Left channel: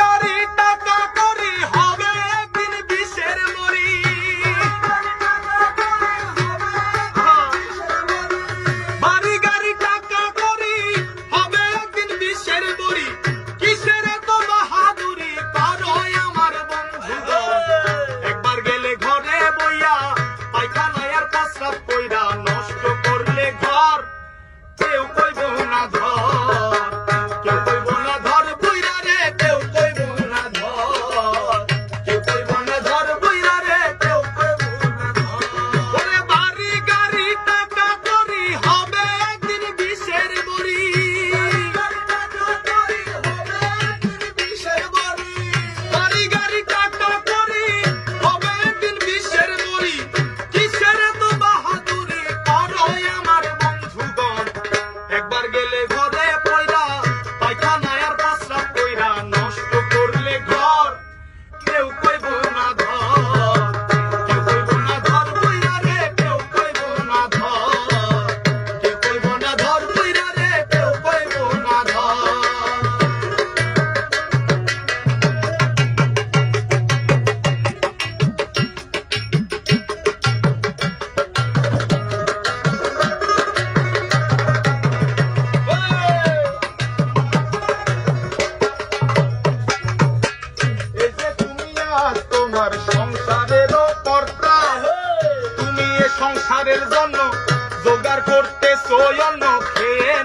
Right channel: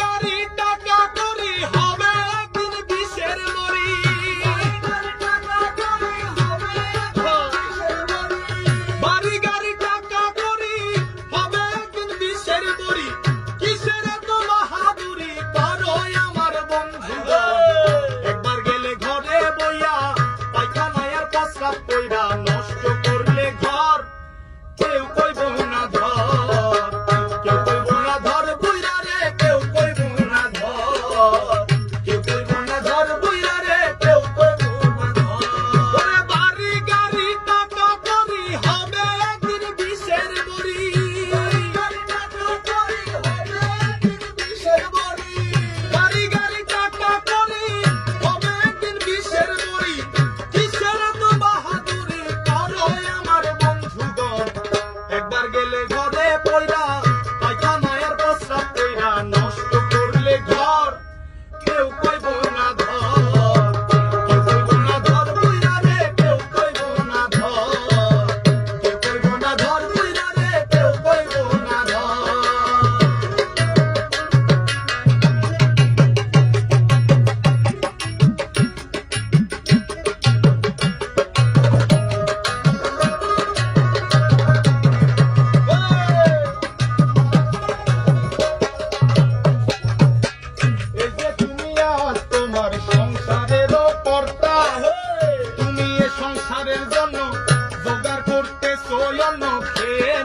গাড়ি টাকা করি হবে একদিন বিষের মরি। বাড়ি গাড়ি টাকা করি হবে একদিন বিষের মরি। কিসের তো বাহাদুরি করো আমার বন্ধু। একবার গেলে ঘরে বইয়া পায়খানায় আর প্রস্রাব কইরা নষ্ট করলে ঘর। কেউ কইব না ধর, কেউ কইব না ধর বুইরা রে, কেউ কইব না ধর, কেউ কইব না ধর বুইরা রে, কেউ কইব না ধর। ওরে বাড়ি গাড়ি টাকা করি হবে একদিন বিষের মরি। বাড়ি গাড়ি টাকা করি হবে একদিন বিষের মরি। কিসের তো বাহাদুরি করো আমার বন্ধুগণ। একবার গেলে ঘরে পয়রা পায়খানায় আর প্রস্রাব কইরা নষ্ট করলে ঘর। কেউ কইব না ধর, কেউ কইব না ধর বুইরা রে, কেউ কইব না ধর, কেউ কইব না ধর বুইরা রে, কেউ কইব না ধর। এই যে তুমি আজ তোমার সংসারেরও কর্তা, তুমি এ সংসারের জন্য জোগাড় করতেছো অন্য খেয়ে